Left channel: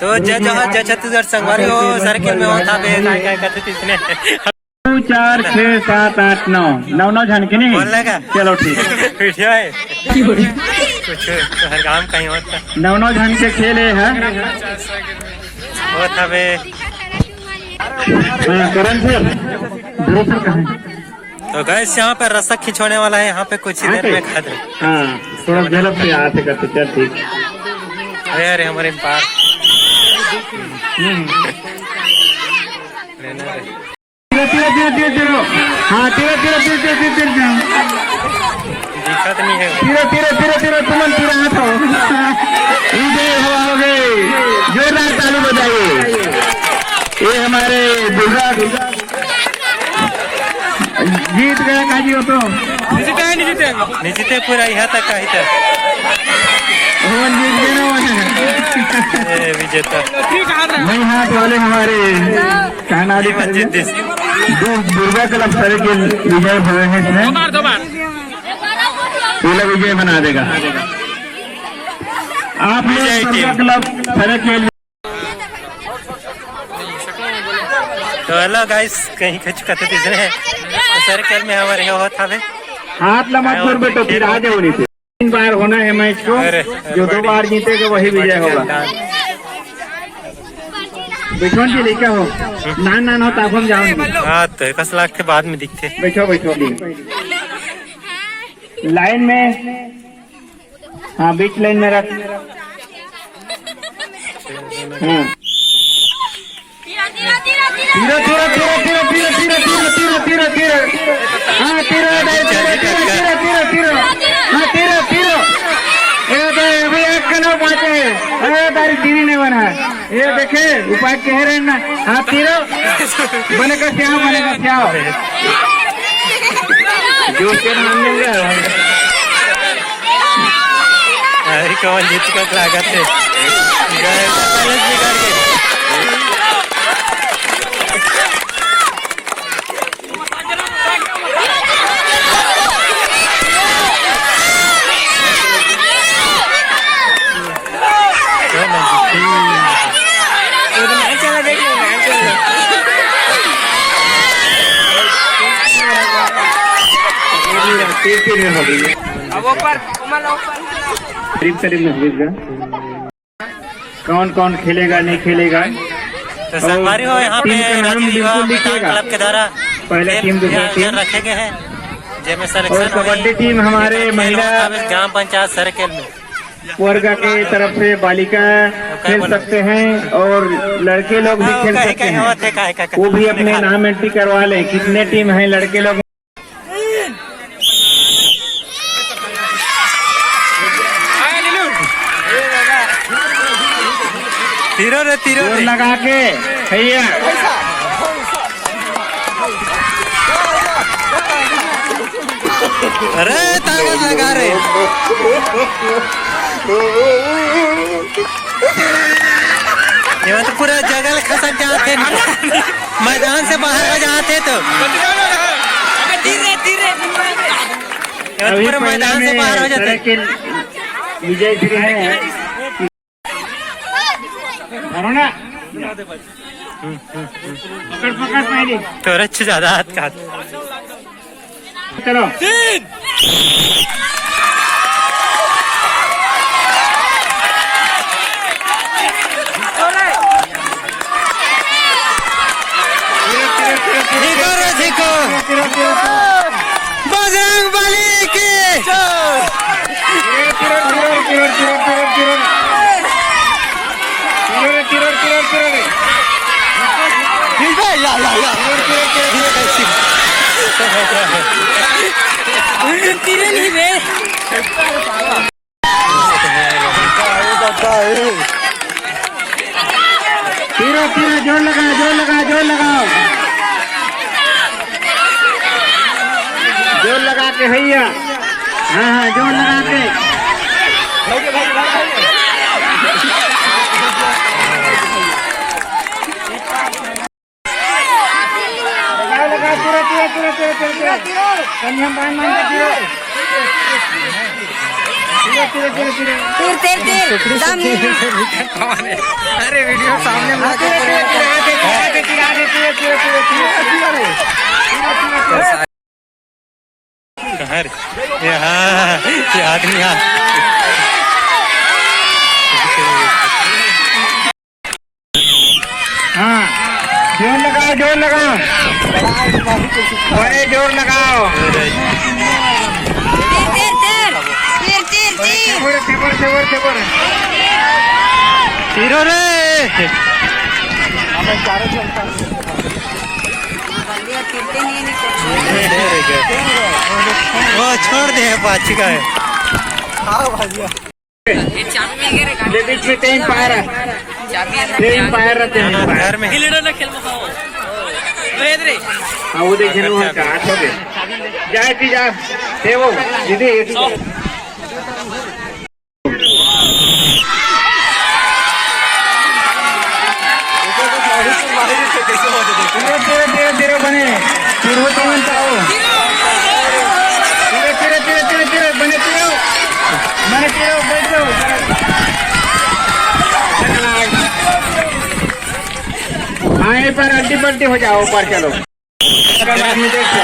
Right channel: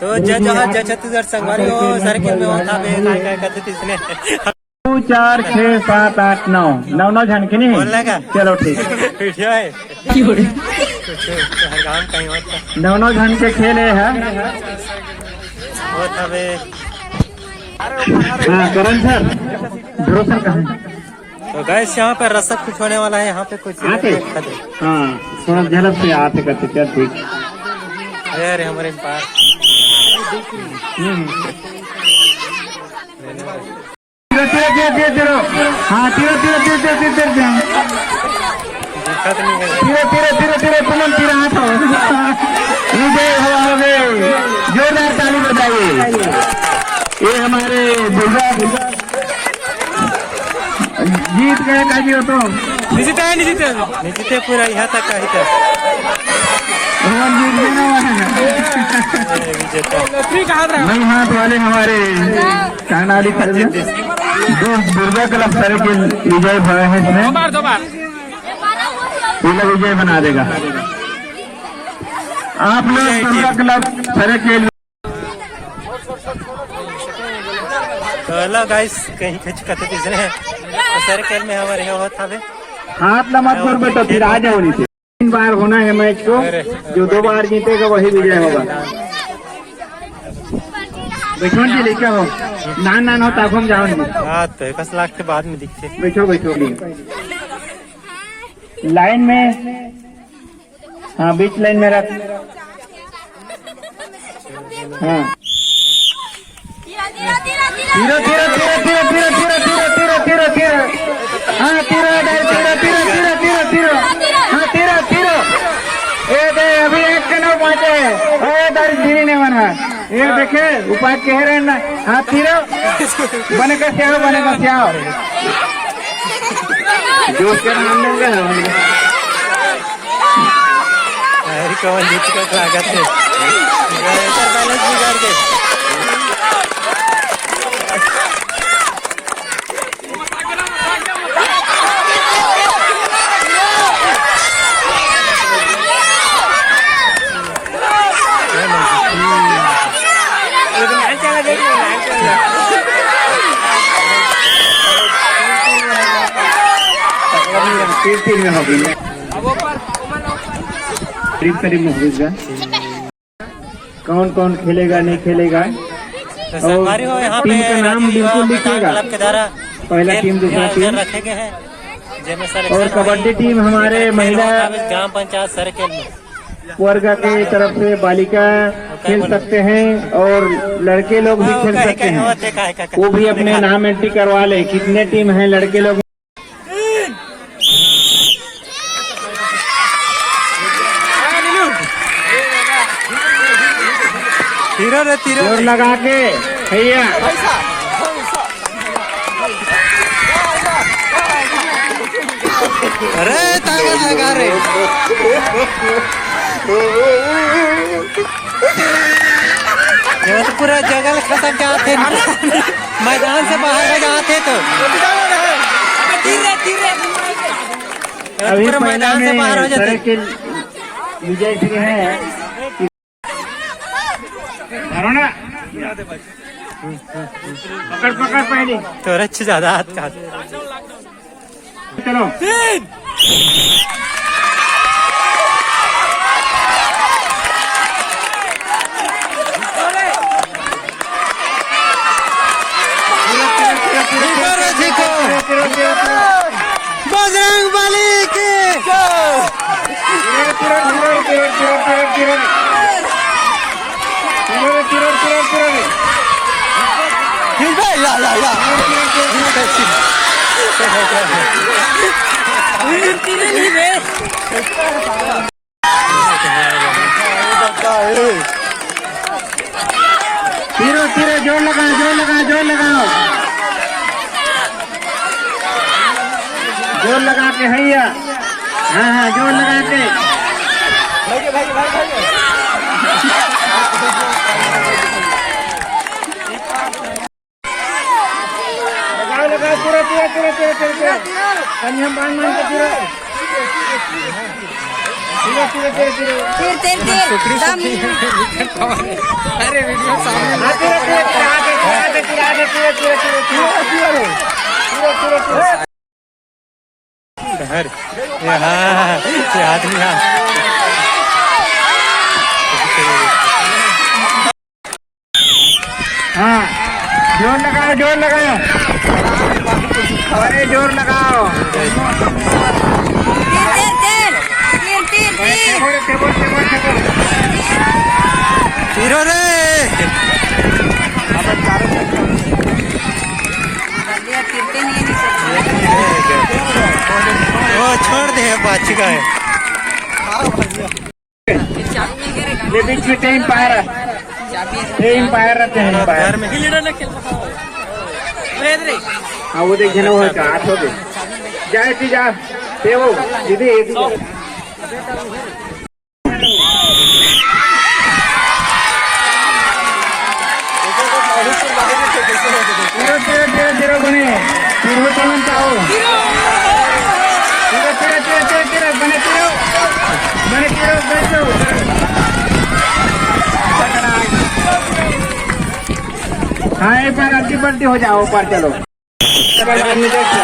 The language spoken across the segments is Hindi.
तो जहाँ छत्तीसगढ़ संगवारी हो सर्किल में होता है क्या करते थे इसने 2 4 6 7 8 9 9 झनके नहीं बोल लगा चलो ठीक वीडियो है कुछ हर काम कहीं होता 9 झनके खेले है होता बे करण सर ध्रुव सर कहाँ है? तो गैस यहाँ पे रसक खिंचवाने वाला है यहाँ पे कुछ ही देर में खद हाँ थोड़ा झलक से आते करते चल ठीक अरे हमारे पार हाँ दिक्कत नहीं है तुमन तीरा हाथ हो गए जोरदार ताली बजाइए ये हमारे दुर्गा जीत गया काजी हो तो निश्चित पूरा यहाँ तक आई था जीत गया विजेता नहीं हाथ वाले हमारे कानाड़ी दो दुर्गा क्लब सर के विजय भय है इसमें पहला विजय बना देगा आप लोग दुर्गा क्लब सर के तो हेलो गाइस कहीं खच करते थे इसने तो सर्कल में हमारे हो था बे हाथ लगा कर बेटो फिर आ जाओ नहीं 3 बार होना है मैच को जो 2 बार जीतेगा वही विजय होगा बिठोन जी लेके हो नान हो तब हम जाओगे हाँ तो 1 लाख के बाद में दिखते बैठो लाइन में हाँ बीच लाइन में रख हाँ तीरो हाँ तीरो अभी 1 का नाम पहुंचे है तारीख दीनी ने बना ये देखे उपाय कह रहे ना हाँ तीरो बने का श्याओ जोश के नाम मिल गया अरे कौन जीत का लागत है बैलेंस बिगाड़ के कौन कौन खेलेगा नहीं खेलेगा तो संगवारी हो यहाँ पे क्लब के द्वारा पहला टीम दूसरा टीम रखे गए हैं और कबड्डी टीम हमारे महिला ग्राम पंचायत सर्कल में वर्ग की तरफ से बालिका खेल सकते हैं और लड़के लोग भी खेल सकते हैं वो भी अपने नाम एंट्री करवा ले कितने टीम हैं लड़के लोग तीरो लगा के भैया अरे ताकत लगा रहे ये तो पूरा जंगल खसक जाते मैदान से बाहर हो जाते तो पूरा मैदान से बाहर हो जाते विजय श्री है पकड़ पहले तो अच्छे ज्यादा हाथ का चलो बजरंग बली की तीरो जोर लगाओ जोर लगा के भैया हाँ जोर लगा के लगा पूरा हम बांध के अरे वीडियो घर यहाँ ये आदमी यहाँ हाँ जोर लगाओ जोर लगाओ अरे जोर लगाओ तीरो रे वो छोड़ दे बाची का है ये बीच में कहीं पायर रहते हैं घर में हाँ वो देखिए ना वो आठ हो गए जाए थी जा ते वो दीदी तेरा बने फिर हो तो चाहो तेरा बने तेरा बैठो हाँ ये पर अड्डी पट्टी हो जाओ ऊपर चलो देखो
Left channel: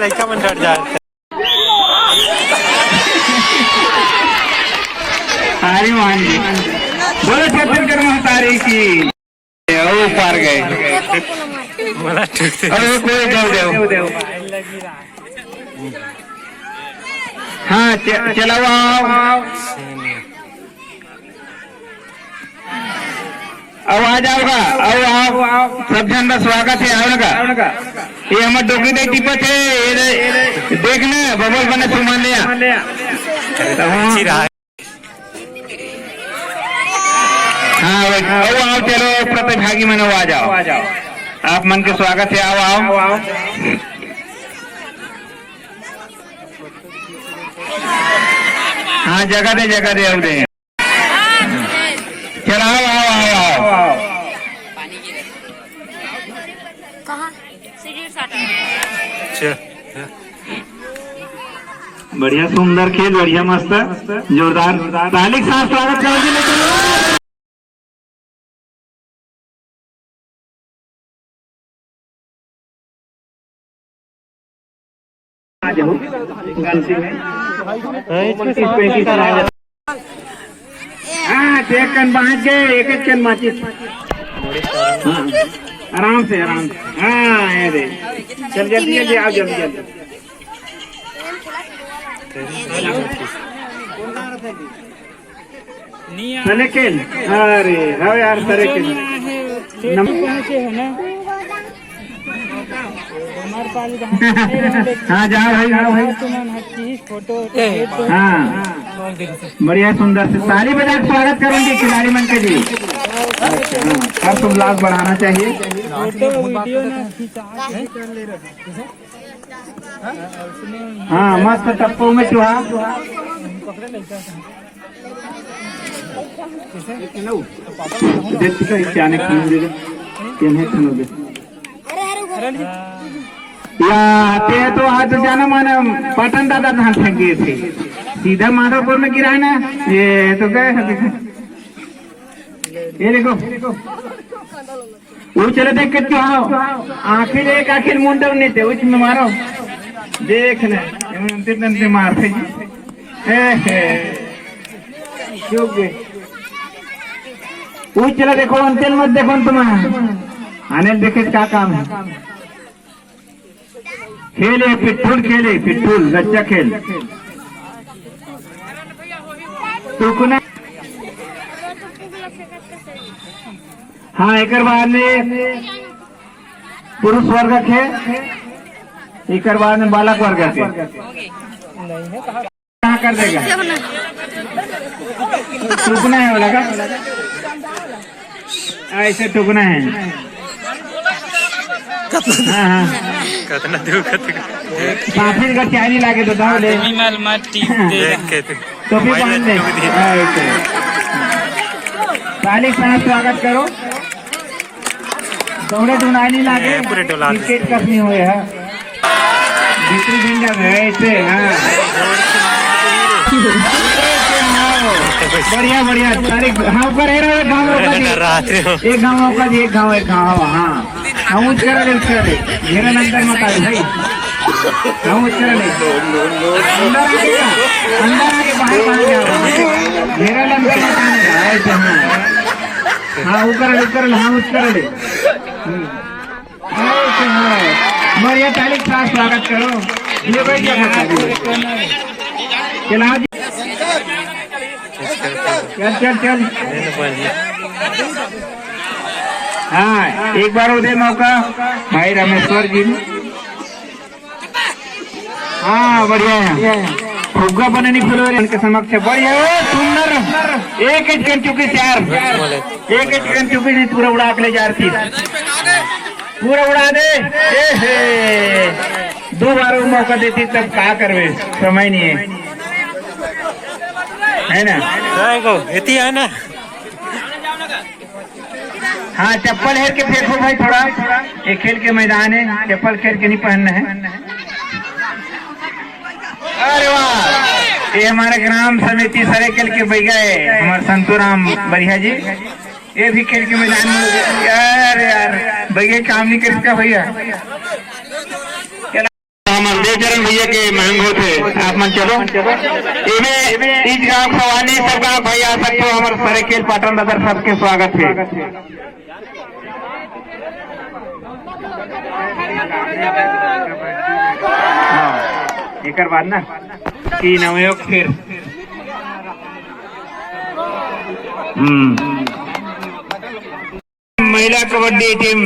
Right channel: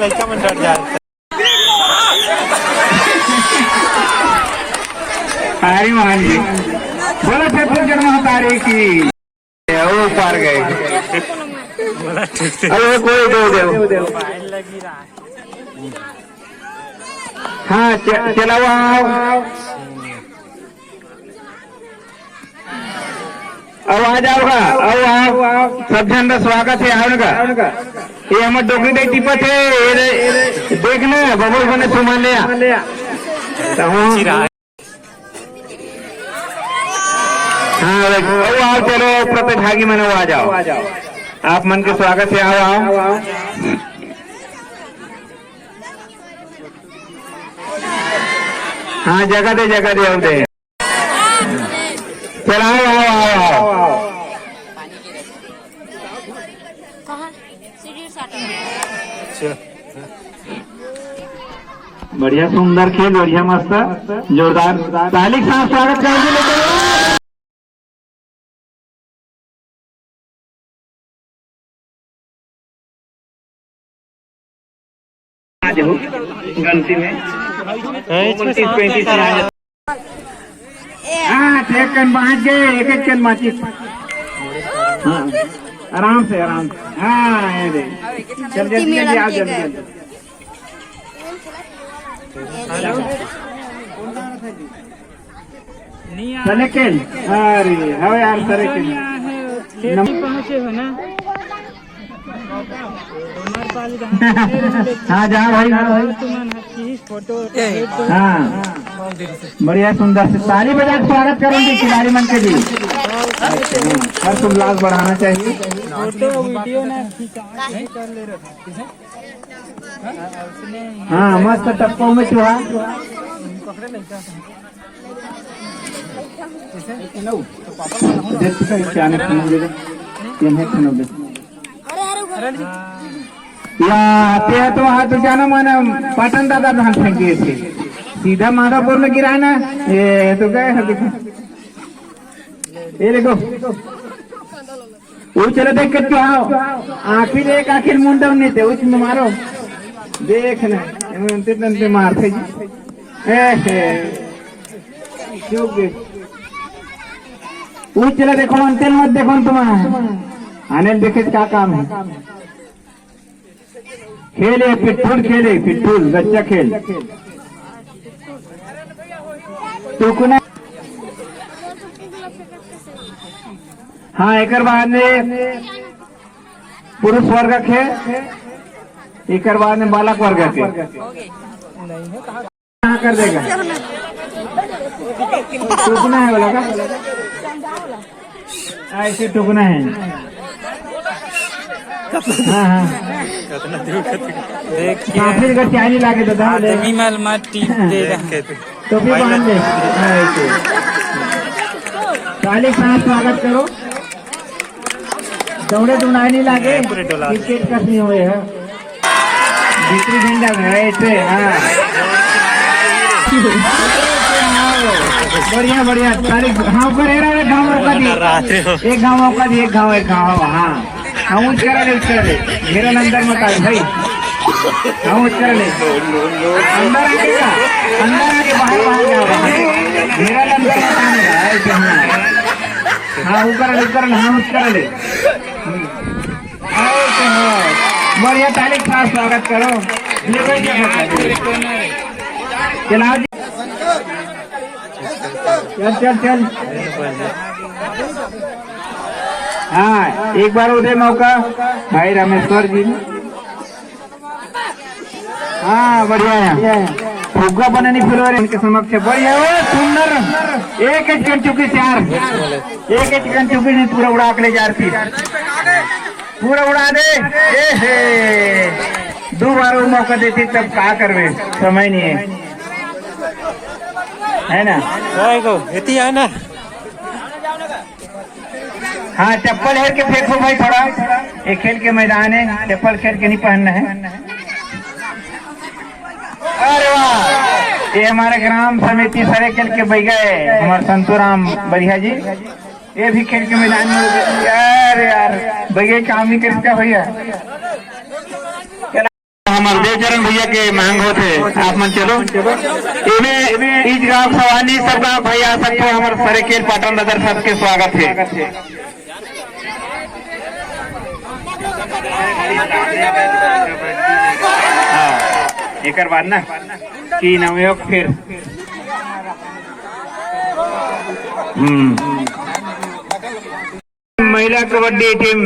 लड़का मन डर जाए हारी मान जी बोले छत्तीसगढ़ में होता रही की वो पार गए अरे कोई दो हाँ चलाओ अब आ जाओगा अब आओ सब जन का स्वागत है आने का ये हमारे डोकरी दे टिपत है देखना बबल बने सुमान लिया हाँ आओ चलो प्रतिभागी में आ जाओ आप मन के स्वागत है आओ हाँ जगह दे अब दे चलो आओ बढ़िया सुंदर खेल बढ़िया मस्त जोरदार ताली के साथ स्वागत करेंगे लेकिन गलती में हाँ एक कन बांट गए एक कन माचिस आराम से हाँ ये दे चल जल्दी आओ जल्दी सरेकेल अरे हाँ यार सरेकेल हाँ जाओ भाई हाँ बढ़िया सुंदर से ताली बजा स्वागत करूंगी खिलाड़ी मन के जी हर उल्लास बढ़ाना चाहिए फोटो वीडियो ना हाँ मस्त टप्पो में चुहा या ते तो हाथ जाना माना पाटन दादा धान फेंके थे सीधा माधापुर में गिरा ना ये तो गए ये देखो वो चले देख के आओ आखिर एक आखिर मुंडम नहीं थे उसमें मारो देखना ते मारते वो चला देखो अंतिम मत देखो तुम्हारा आने देखे क्या काम है खेले पिट्ठूल बच्चा खेल टुकना हाँ एक बाद में पुरुष वर्ग के एक बाद में बालक वर्ग के कहाँ कर देगा टुकना है बोला का ऐसे टुकना है हाँ फिर का चारी लाके तो था तो फिर बांध दे ताली से स्वागत करो दौड़े टुनाई लागे क्रिकेट कसनी हुए है दूसरी झंडा में ऐसे। हाँ बढ़िया बढ़िया तारीख। हाँ ऊपर है ना गाँव का जी, एक गाँव का जी, एक गाँव। हाँ हम उस करा ले घेरा नंबर मत आए भाई। हम उस कर ले घेरा नंबर हाँ ऊपर लेकर हम उस कर ले। बढ़िया तारीख का स्वागत करो। ये कोई चला चल चल चल। हाँ एक बार उदय मौका भाई रामेश्वर जी। हाँ बढ़िया फुग्गा बनानी फुलवारी उनके समक्ष बढ़िया सुंदर। एक चिकन चुकी 4 एक चिकन चुकी नहीं पूरा उड़ा के ले जा रही, पूरा उड़ा दे। दो बार वो मौका देती तब क्या करवे, समय नहीं है ना। इतनी है ना। हाँ चप्पल हेर के फेंको भाई थोड़ा, ये खेल के मैदान है, चप्पल खेल के नहीं पहनना है। अरे वाह ये हमारे ग्राम समिति सारे खेल के बह गए हमारे संतोराम बढ़िया जी, ये भी खेल के मैदान में। यार भैया काम नहीं कर सका भैया। हमारे देवचरण भैया के मांग होते आप मन चलो इस गाँव सवानी सब गाँव भाई आ सकते हो। हमारे सारे खेल पाटन दादर सबके स्वागत है। एक बाद ना 3 अवयोग फिर महिला कबड्डी टीम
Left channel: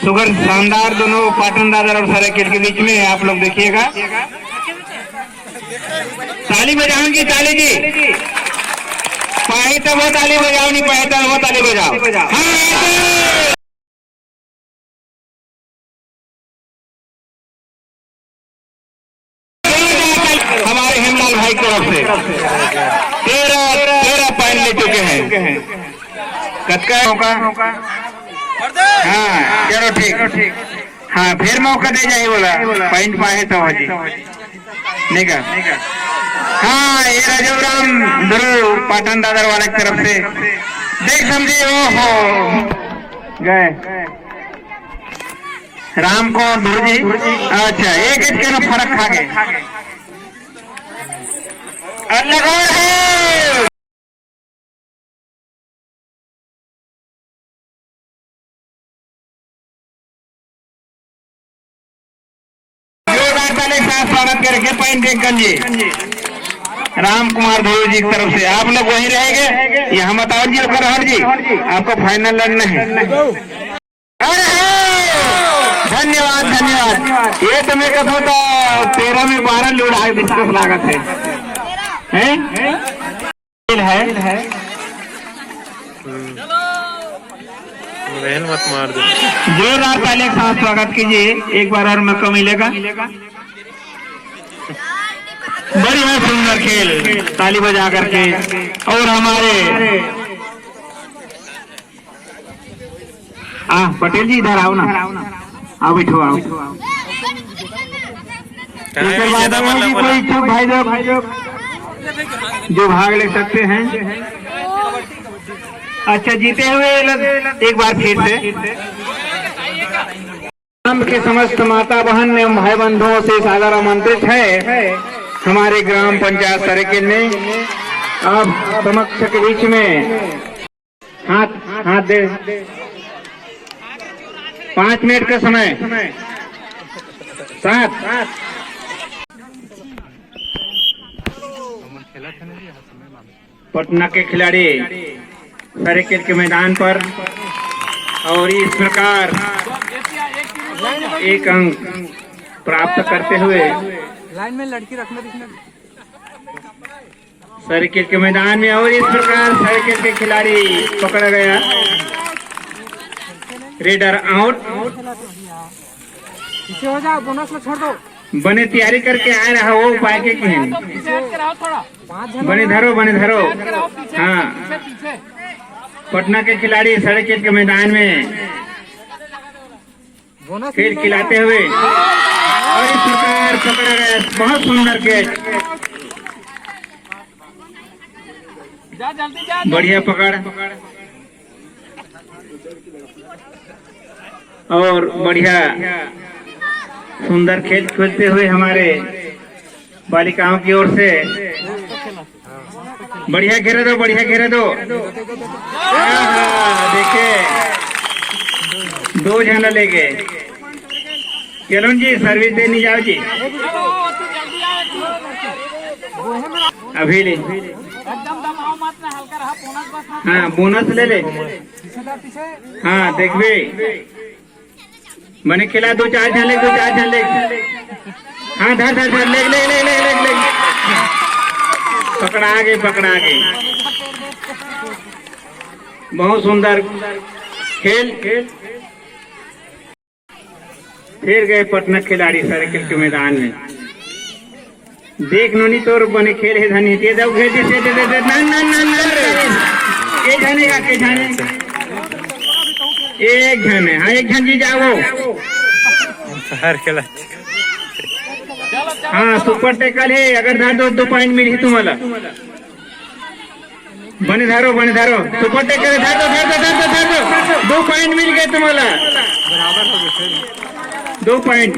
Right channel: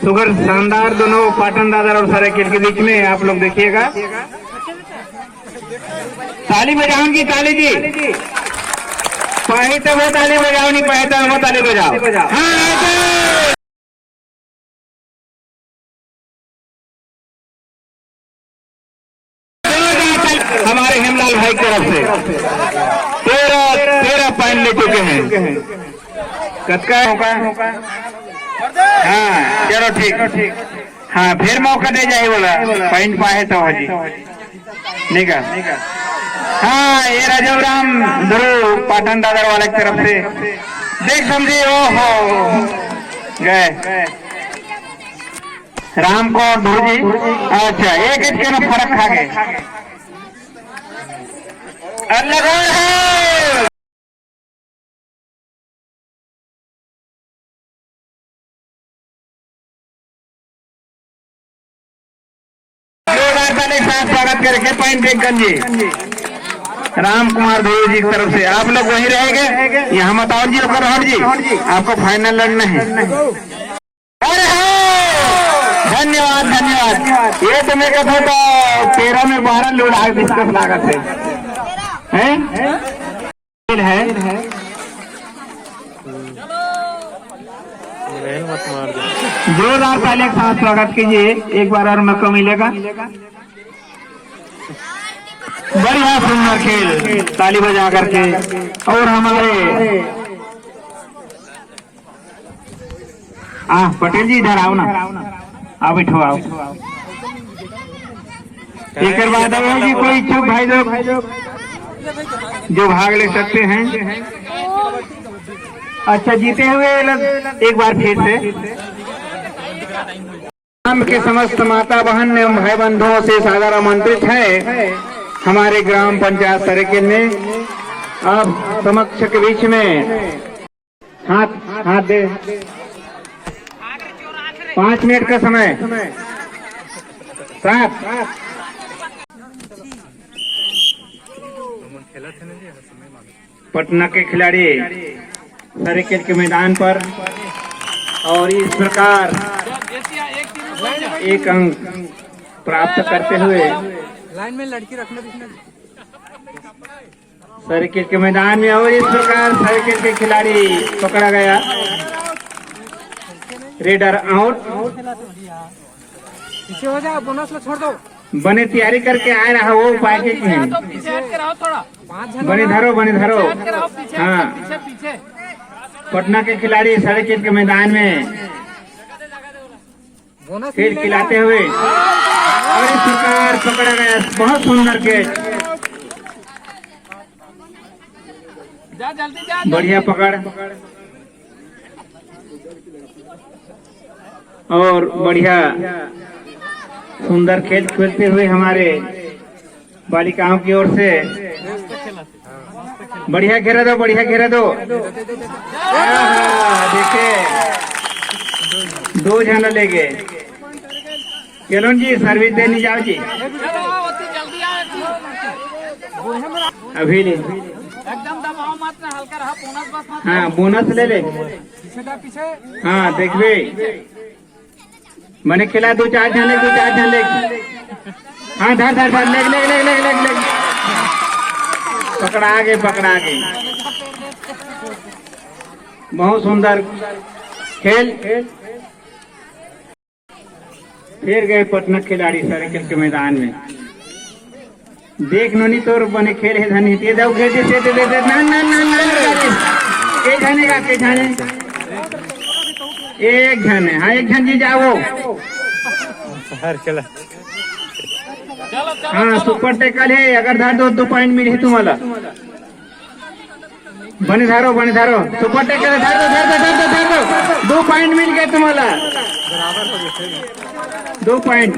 सुगर शानदार दोनों पाटन दादर और सरायकेला के बीच में आप लोग देखिएगा। ताली बजाओगी ताली जी, पाए तो वो ताली बजाओ, नहीं पाए तो वो ताली बजाओ। हाँ हमारे हेमलाल भाई की तरफ से 13 पॉइंट ले चुके हैं। कतका मौका? हाँ चलो ठीक। हाँ फिर मौका दे जाए बोला पॉइंट पाए तो जी नहीं का। हाँ ये राजीव राम गुरु पाटन दादर वाले की तरफ से देख समझे। ओहो गए राम को जी। अच्छा एक का फर्क खा गए। स्वागत करके पॉइंट जी राम कुमार धुरू जी की तरफ से आप लोग वहीं रहेंगे। यहाँ बताओ जी रोहन जी आपको फाइनल लड़ना है। धन्यवाद। ये तुम्हें का था 13 में 12 लोड आए डिस्कस लागत है। मत मार दो। जोरदार ताली का स्वागत कीजिए, एक बार और मौका मिलेगा। बढ़िया सुंदर खेल ताली बजा करके। और हमारे पटेल जी इधर आओ ना, आओ बैठो आओ। इसके बाद कोई इच्छुक भाई लोग जो भाग ले सकते हैं। अच्छा जीते हुए एक बार फिर से ग्राम के समस्त माता बहन एवं भाई बंधुओं से सादर आमंत्रित है हमारे ग्राम पंचायत सरायकेला में। अब समक्ष के बीच में हाथ दे 5 मिनट का समय। 7 पटना के खिलाड़ी सरायकेला के मैदान पर और इस प्रकार 1 अंक प्राप्त करते हुए लाइन में लड़की रखना सरायकेला के मैदान में। और इस प्रकार सरायकेला के खिलाड़ी पकड़ा गया, रेडर आउट। पीछे हो जाओ, बोनस में छोड़ दो। बने तैयारी करके आ रहा वो उपाय के बने धरो। हाँ पटना के खिलाड़ी सरायकेला के मैदान में फिर खिलाते हुए प्रकार पकड़ा गया, बहुत सुंदर कैच, बढ़िया पकड़ और बढ़िया सुंदर खेल खेलते हुए हमारे बालिकाओं की ओर से बढ़िया घेरा दो, बढ़िया घेरा दो। देखिए 2 जन ले गए। चलो जी सर्विस देने जाओ जी, अभी ले एकदम दबाव मत ना, हल्का रहा, बोनस बस मत। हाँ बोनस ले ले। पीछे हाँ देखबे मैंने खिला 2-4 जन ले, 2-4 जन ले। हाँ धर धर धर, ले ले ले ले ले ले, पकड़ा गए, पकड़ा गए। बहुत सुंदर खेल। फिर गए पटना खिलाड़ी सर्किल के मैदान में। देख नोनी तोर बने खेल है धनी दे दो, घेर दे दे दे ना ना ना ना के जाने का, के जाने एक जन है। हाँ एक जन जी जाओ। हर खेला हाँ सुपर टेकल है, अगर धर दो 2 पॉइंट मिली तुम्हाला। बने धारो, बने धारो, सुपर टेकल धर दो, धर दो, धर दो, धर दो, 2 पॉइंट मिल गए तुम्हाला। 2 पॉइंट,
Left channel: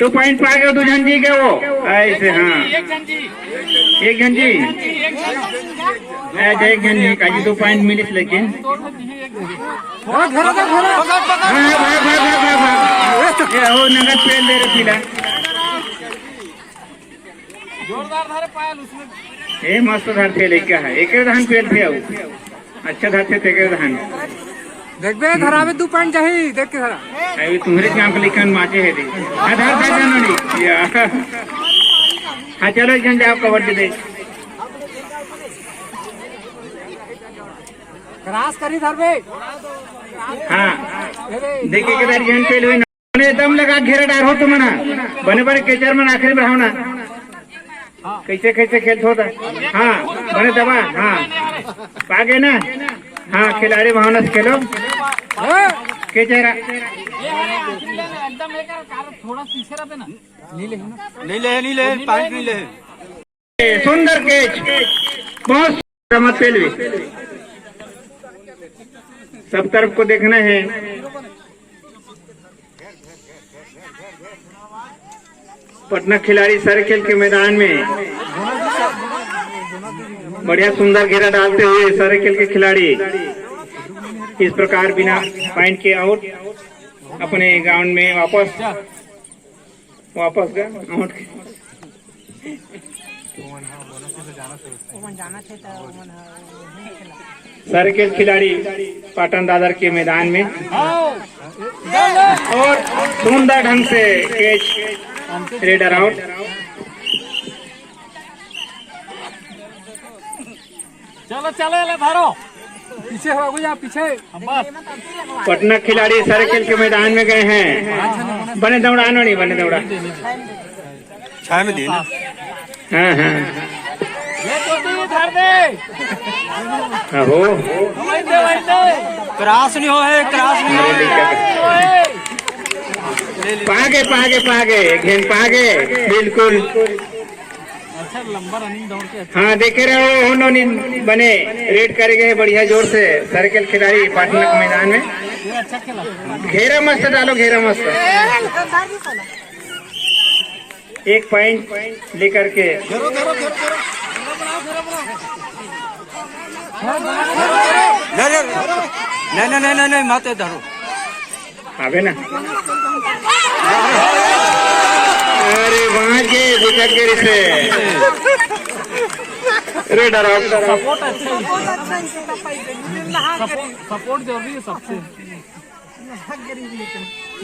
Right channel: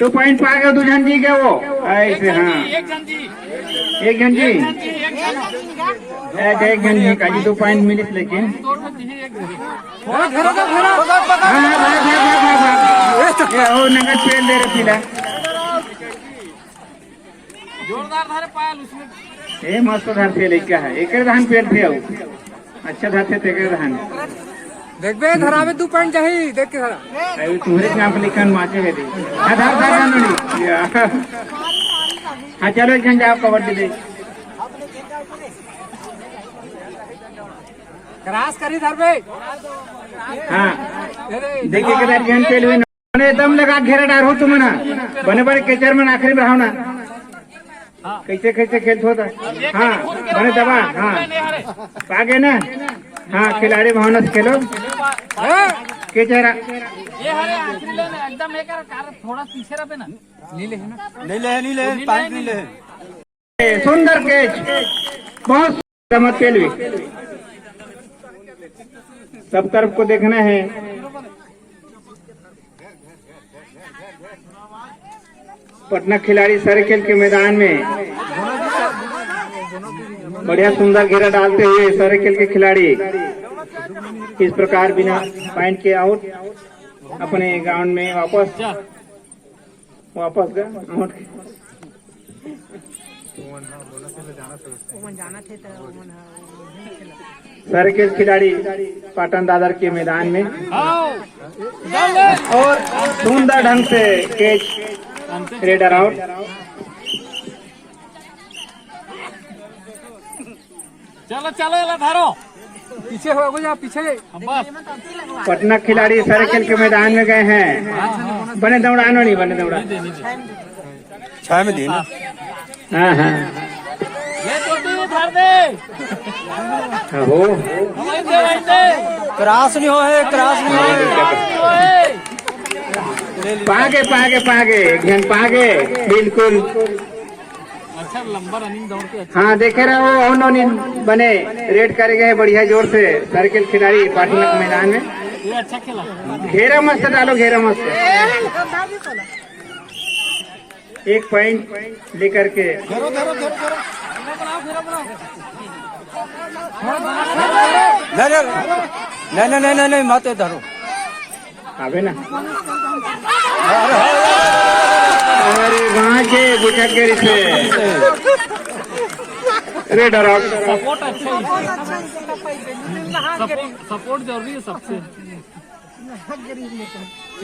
2 पॉइंट पा गए 2 जन जी गए वो ऐसे। हाँ एक जन जी, एक जन जी का 2 पॉइंट मिली, लेकिन हाँ भाग भाग भाग भाग, हो नगद पेल दे रहे पीला, जोरदार धारे पायल उसमें। ए मस्त धार थे, क्या है एक धान पेल थे, अच्छा धार थे एक धान। देखबे धरावे 2 पॉइंट चाहिए, देख के धरा। अभी तुम्हारे काम पे लिखन माचे है। आधार कार्ड जानो नहीं। हाँ चलो एक जन जाओ, कबड्डी दे। क्रॉस करी धरबे। हाँ देखिए के बार जन पेल हुए दम लगा घेरा डार हो तुम ना, बने बने केचर में आखिरी में रहो ना, कैसे कैसे खेलते होता। हाँ बने दबा, हाँ पागे ना। हाँ खिलाड़ी भावना से खेलो के चेहरा ये हरे आखिरी ले ना, एकदम एक कार थोड़ा पीछे रहे ना, नीले है ना, नीले पाइप नीले। सुंदर कैच, बहुत समझ पेल भी। सब तरफ को देखना है। पटना खिलाड़ी सर्किल के मैदान में बढ़िया सुंदर घेरा डालते हुए सर्किल के खिलाड़ी इस प्रकार बिना पॉइंट के आउट अपने ग्राउंड में वापस गए। सर्किल खिलाड़ी पाटन दादर के मैदान में और सुंदर ढंग से कैच रेडर आउट। चलो चलो ले धारो, पीछे हो जा, पीछे बस। पटना खिलाड़ी सर्किल के मैदान में गए हैं। बने दौड़ानो नहीं, बने दौड़ा 6 में दिए। हाँ हाँ ये तो भी धर दे। हो क्रॉस नहीं हो है, क्रॉस नहीं हो। पागे घेन पागे बिल्कुल। अच्छा लंबा रनिंग दौड़ के। हाँ देखे रहे हो नोनी बने रेड करे गए बढ़िया जोर से सर्किल खिलाड़ी पाटना के मैदान में। ये अच्छा खेला, घेरा मस्त डालो, घेरा मस्त। 1 पॉइंट लेकर के नहीं माते धरो आवे ना। अरे वहाँ के विकेट से रेडर आउट। सपोर्ट अच्छा है, सपोर्ट जरूरी है सबसे।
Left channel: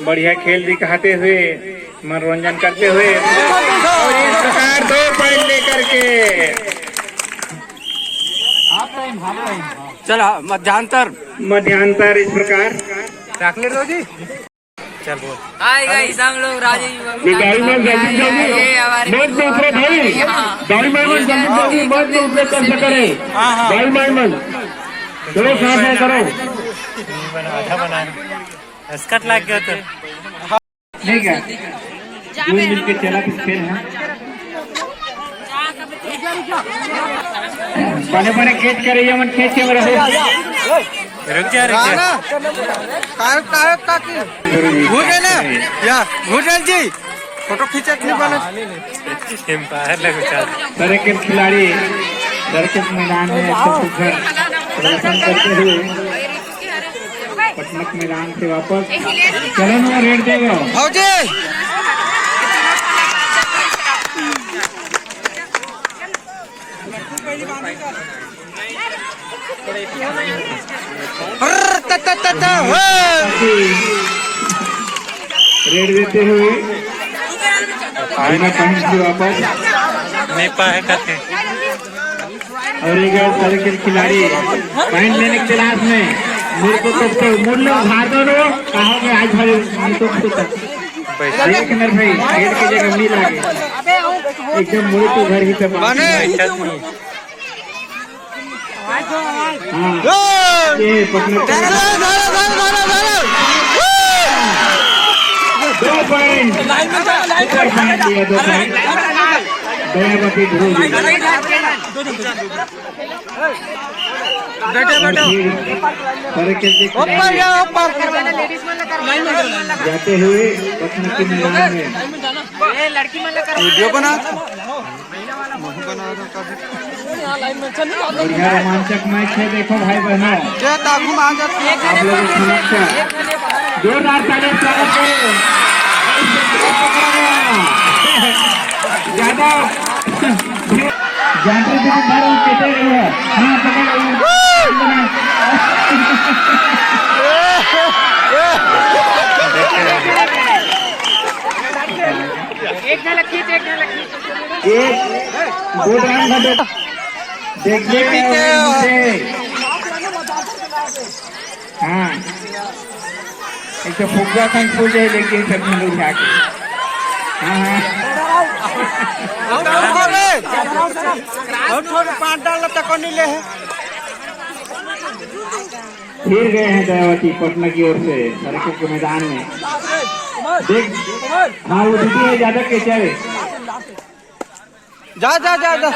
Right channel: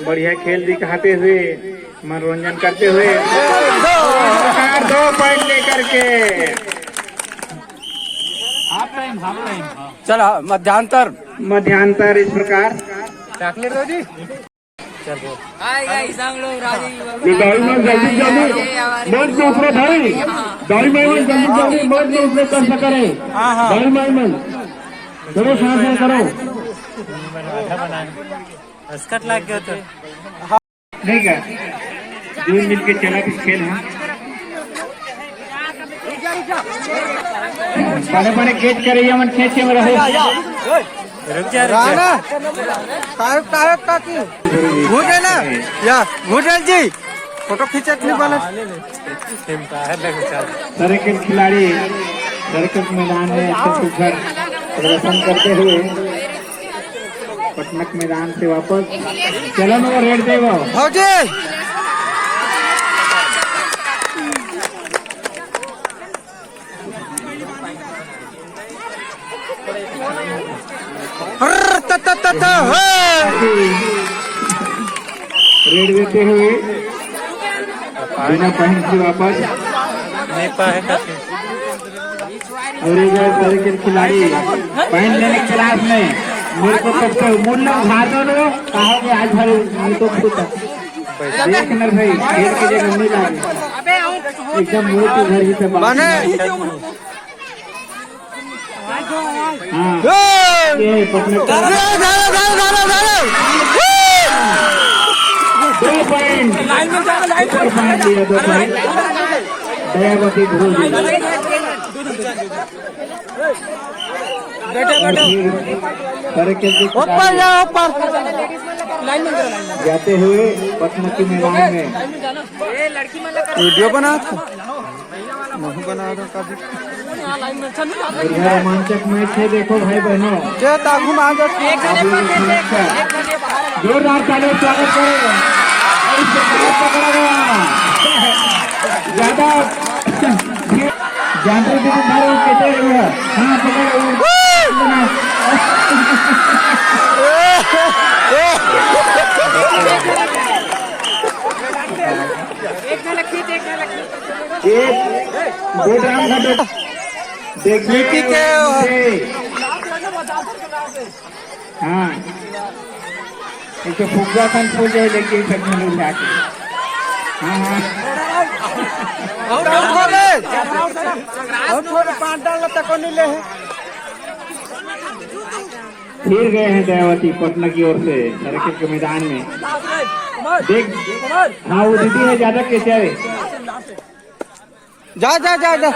बढ़िया खेल दिखाते हुए मनोरंजन करते हुए इस प्रकार 2 पॉइंट लेकर के हाफ टाइम चला मध्यांतर इस प्रकार। चल बोल। हाय गाइस, हम लोग राजीव ये हमारे दूसरे भाई गाड़ी में जल्दी मत ऊपर कर करे। गाड़ी में चलो साथ करो, आधा बनाना स्कट लग गया तो ठीक है। जो मिल के चला फिर खेल है पहले कैच कर रही है मन खेच के रहे रुक जा घूटे ना या घूटे जी फोटो खींचे नहीं बना एम्पायर लगे सर्किट खिलाड़ी सर्किट मैदान में अच्छा सुघर प्रदर्शन करते हुए पटनक मैदान से वापस चलो ना रेड देगा रेड देते हुए बिना पॉइंट से वापस नेपा है कहते और एक सर्किट खिलाड़ी पॉइंट लेने के तलाश में मेरे को सबसे मूल्य उधार दो कहा कि आज भाई मैं तो खुद एक नर भाई खेल की जगह मिल आगे एकदम मुझे तो घर ही से हाँ ये पटना 2 पॉइंट सुपर पॉइंट लिया 2 पॉइंट दयावती भोजी जाते हुए पटना के मैदान में वीडियो बना बढ़िया रोमांचक मैच है देखो भाई बहनों जोरदार ताली स्वागत करो ज्यादा जानते थे बार कहते हैं हाँ पकड़ो एक बोल रहा था देखने के हाँ ऐसे फुग्गा kan फूल जाए लेकिन सब लोग जाके हाँ फिर गए हैं दयावती पटना की ओर से सर्किट के मैदान में देख हाँ वो दीदी है ज्यादा कैसे जा जा जा जा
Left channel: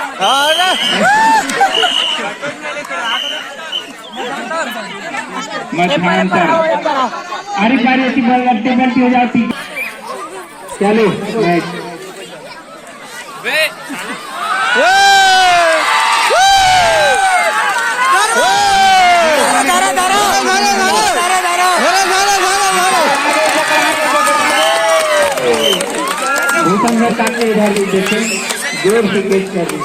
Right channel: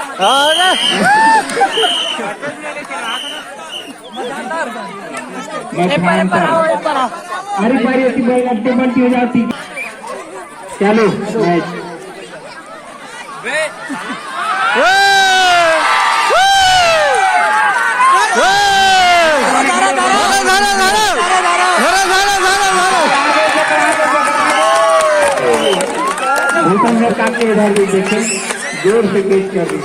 अरे बारी ऐसी बल्टी बल्टी हो जाती चलो मैच भूषण काके इधर भी देखे जोर से कैच कर दी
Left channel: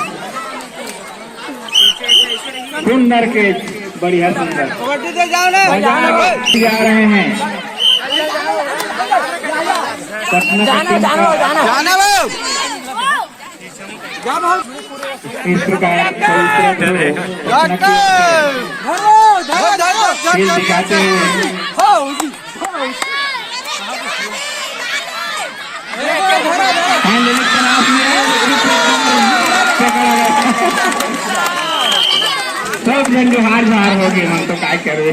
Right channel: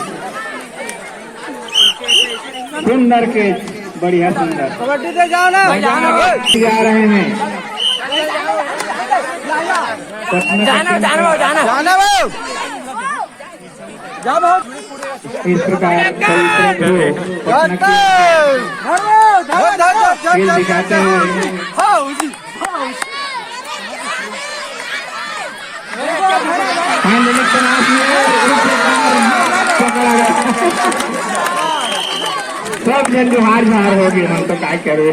सुंदर कैच बढ़िया सुंदर जा रहे हैं इस प्रकार खेल दिखाते हुए सब जन हार हार हो गए तो क्या करे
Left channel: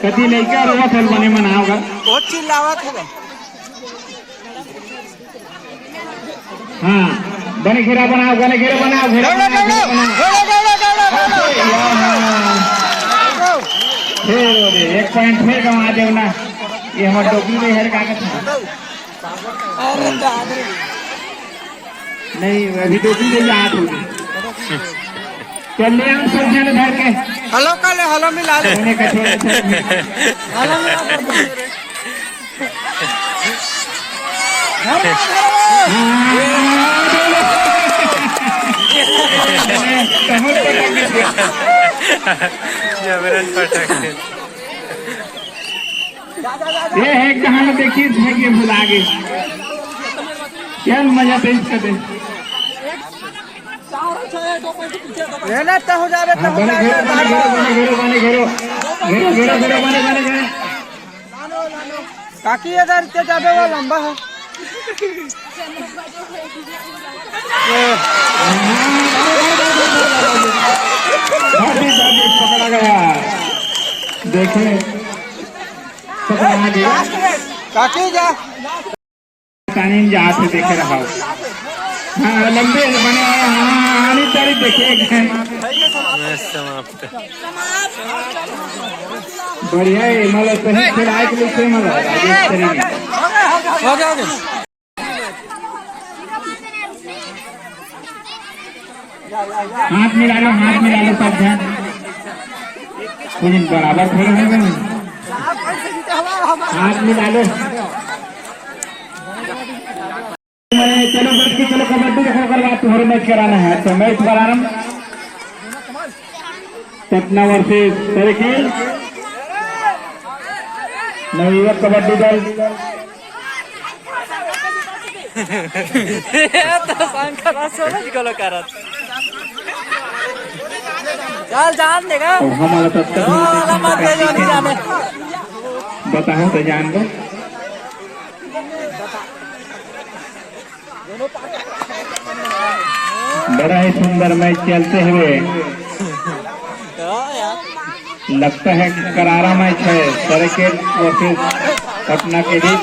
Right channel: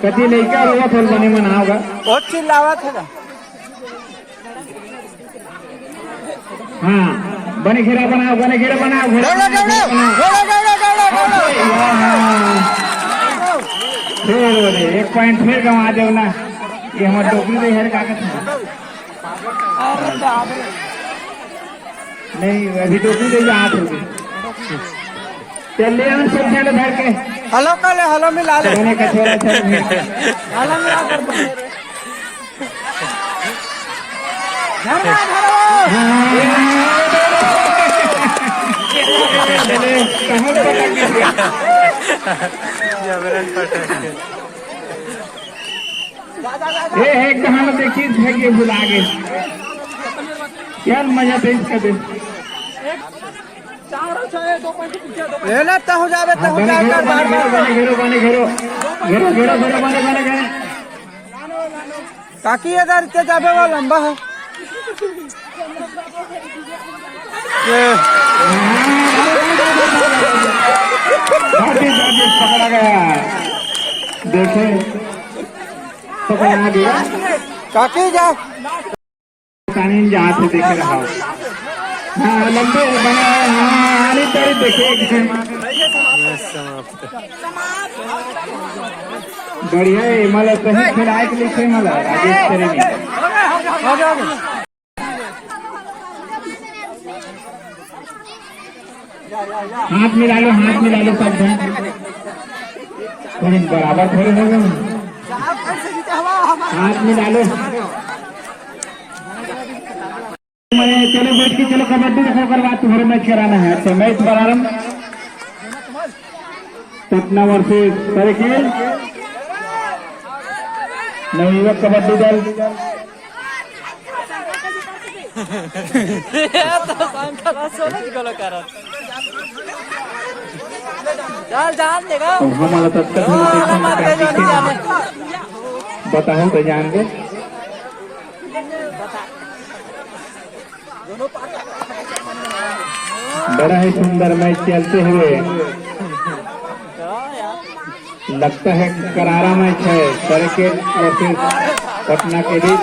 कभी लड़का रहा फिर बने मना होगा बहुत चिल्लावत होगा हाँ बने घेरा बनाओ बने घेरा बनाओ घेरा बनाओ फिर 1 पॉइंट फिर गंवा दे ना ये हमारे टोकरी में हर कागज नहीं अभी टोकरी दे हाथ होगी चलिए सब जन धर के हलो कल हलो मिला दो मैंने कठोर हलो मिला कर जबरन पटक ये है कहां देखिए भाग्य भुला गए क्या मजा पे इसका दे रहना तो हो जावे तो बने घेरो बने घेरो बने घेरो बने घेरो घेरो घेरो घेरो बने बने घेरो ताकि इधर ते जावे वो लंबा हो पकड़ा गया, देखे पकड़ा दिया काके जा कानून जहाँ से देखे रहा। हाँ लंबे बना, हाँ आनी तारी देखे समाप्त बढ़िया है। मला सही खिलाए के लिए मला राजेश करेंगे। हाथ मिला लो सब ध्यान, कुछ बराबर खड़े हो गए। हाथ मिला लो। चलो बैठ के चलो कबड्डी का खबर बात तुम्हारे मैच कराना है तो मैच प्रारंभ। पटना वर्सेस सरखेल नवयुवक कबड्डी दल। अब हमारा तत्काल बताओ तो जान दो। बड़ा ही सुंदर मैच चलते हुए लगता है करारा मैच है सरखेल वर्सेस पटना के बीच।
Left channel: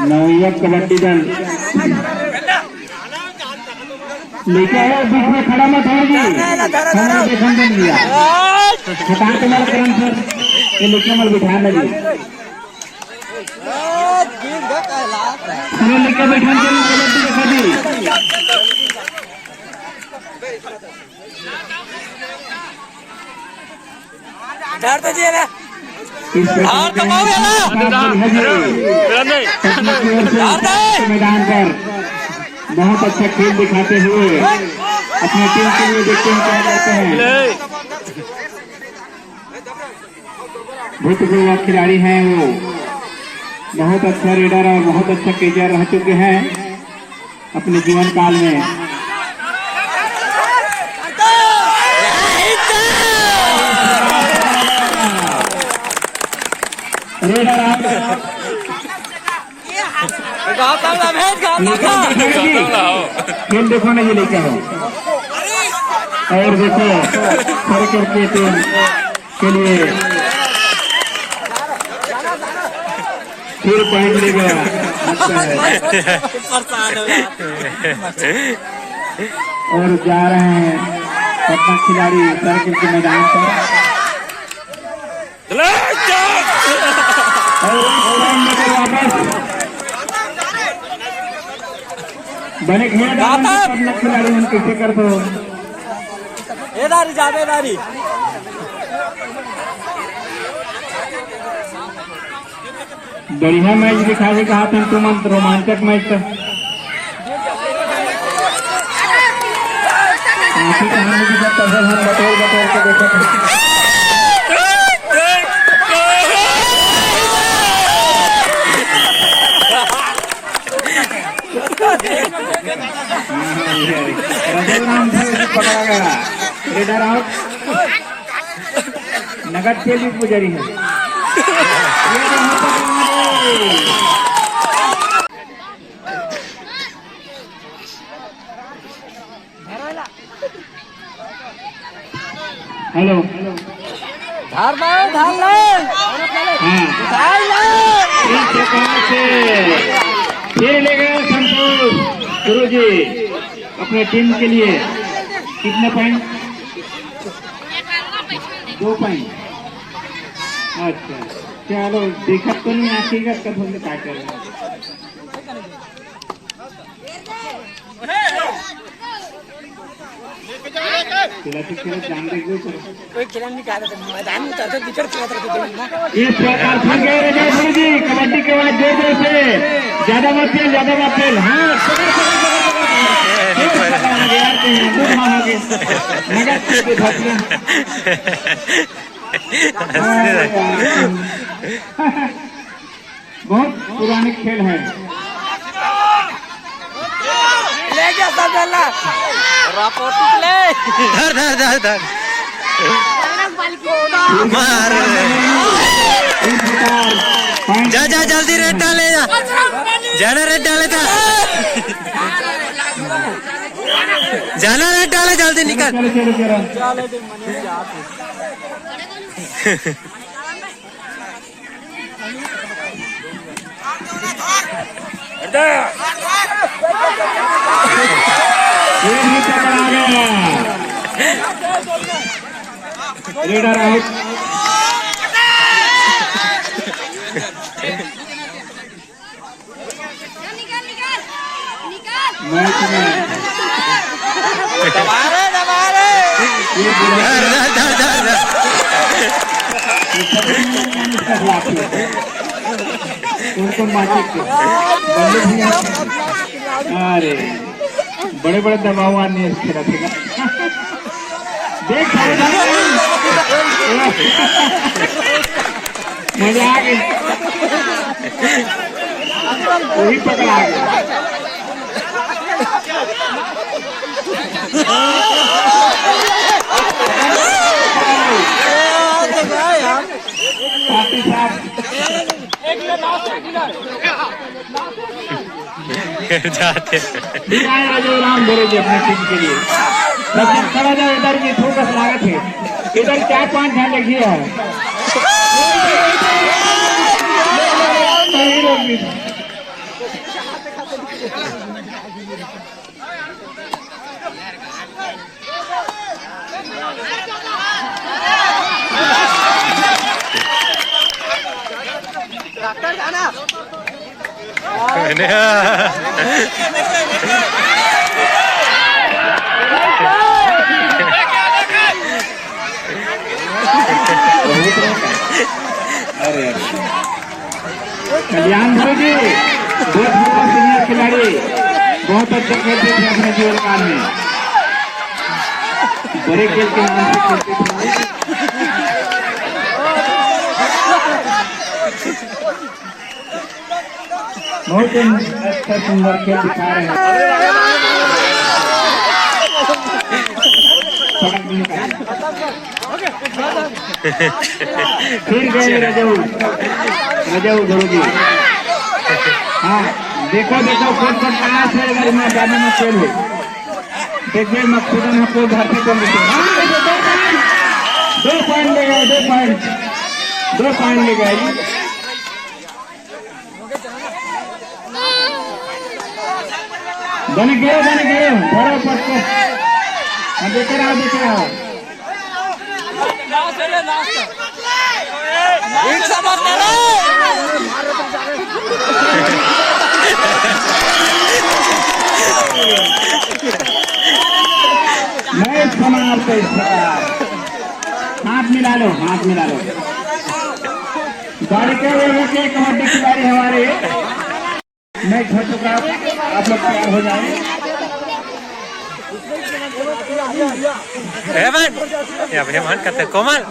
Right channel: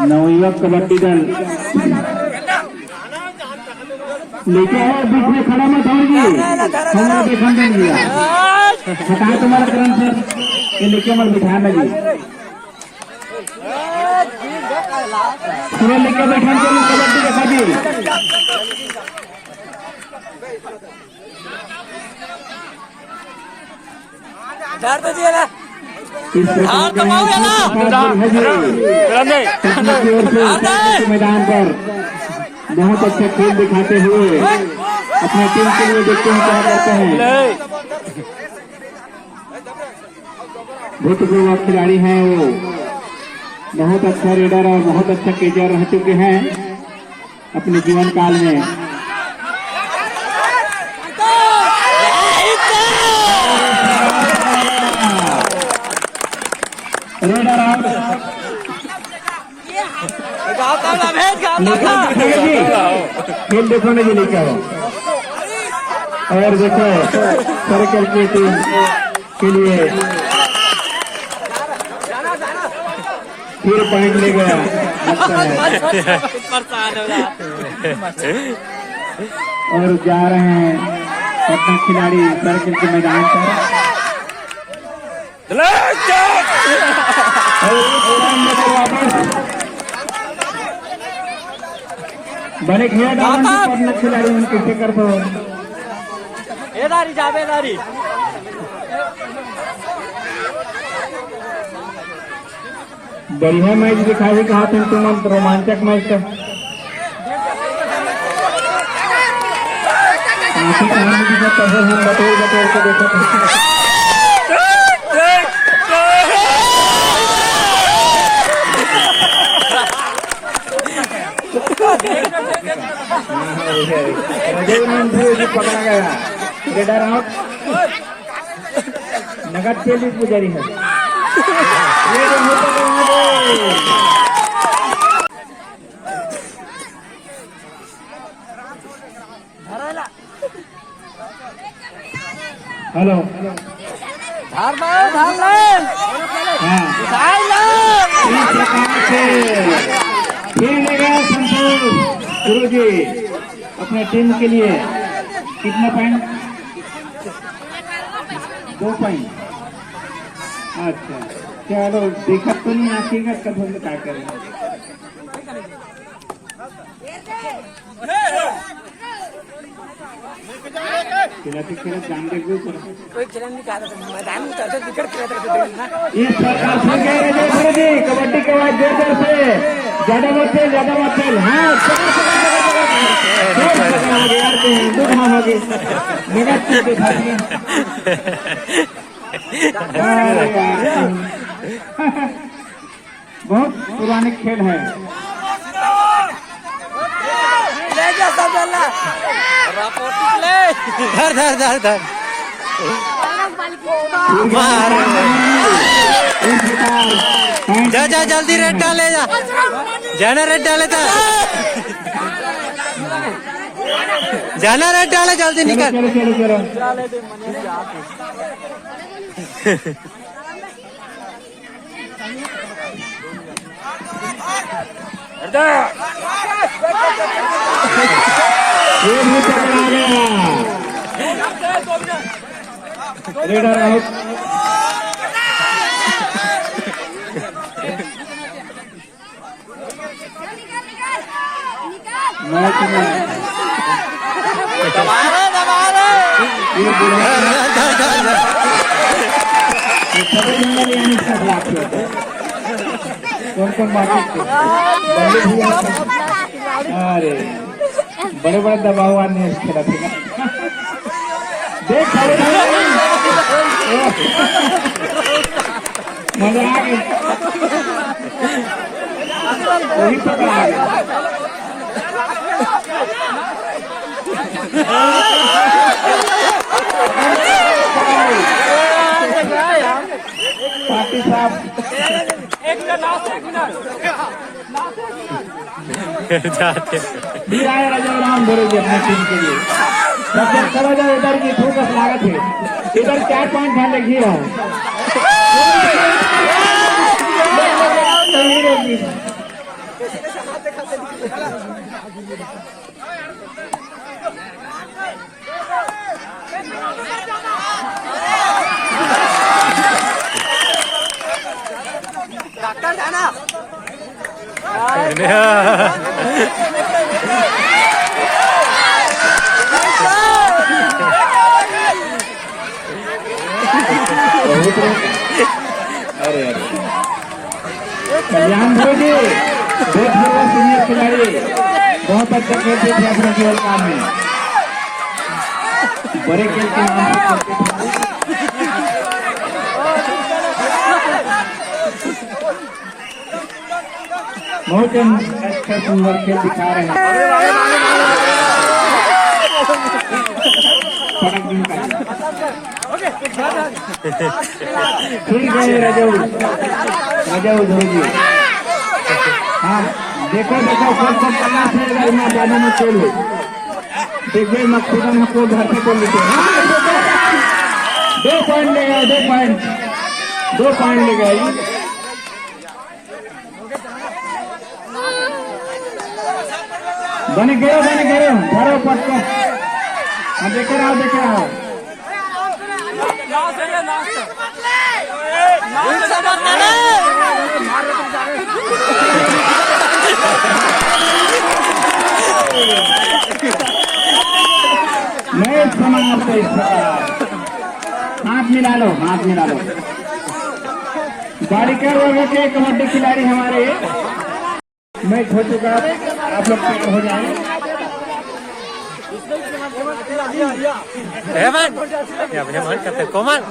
नवयुवक कबड्डी दल लेके आया, बीच में खड़ा मत हो जी, हमारा देखा नहीं लिया हटा तुम्हारा करम सर ये लेके मत बिठा लगी लेके बैठा कबड्डी दिखा दी। इस मैदान पर बहुत अच्छा खेल दिखाते हुए अपनी टीम के लिए देखते हैं क्या करते हैं। भूतपूर्व खिलाड़ी हैं वो, बहुत अच्छा रेडर और बहुत अच्छा केचर रह चुके हैं अपने जीवन काल में। रेडर खेल देखो नहीं लेके आओ और देखो सरकार की टीम के लिए फिर पॉइंट ले गया और जा रहे हैं पटना खिलाड़ी सर्किल के मैदान पर। बने पटना खिलाड़ी हम कैसे करते हो बढ़िया मैच दिखाने का हाथ तुम रोमांचक मैच था। काफी कहानी की सब पसंद हम बटोर के देखे पकड़ा गया। रेडर आउट, नगद के लिए पुजारी है। हेलो फिर ले गए गुरु जी अपने टीम के लिए कितने पॉइंट? 2 पॉइंट। अच्छा चलो दिक्कत तो नहीं आएगा कब हम क्या कर रहे हैं। जान देख कोई खेल नहीं चाह रहा मैदान में कबड्डी के बाद जोर से ज्यादा मत खेल। हाँ बहुत पुराने खेल है। धर मार जा जा जल्दी रेड डाले जा जाना रेड डाले था जाना रेड डाले जल्दी निकल रेडर आउट मैच में कौन अरे बड़े बड़े दबाव आने खेला थे देख मजा आ गई वही पकड़ा पार्टी साहब जाते राम भरोगे अपनी टीम के लिए चला जाओ इधर की फोकस लागत है इधर 4-5 ध्यान रखिए डॉक्टर जाना अरे कल्याण जी बहुत सीनियर खिलाड़ी बहुत अच्छा खेलते थे अपने जीवन काल में बड़े खेल के नाम से खेलते थे बहुत अच्छा सुंदर खेल दिखा रहे हैं फिर गए रजऊ धोगी हाँ देखो सब प्रयास है जाने में खेल है देखिए मकसूदन में कोई भारतीय को लेते हैं 2 पॉइंट ले गए 2 पॉइंट ले गए बने गए धरो पटको हाँ देख रहा हो मैच समाप्त इस प्रकार हाथ मिला लो बालिका वर्ग के कबड्डी खिलाड़ी हमारे मैच हो चुका आप लोग तैयार हो जाए Hebat. Ya, punya man kata Komal.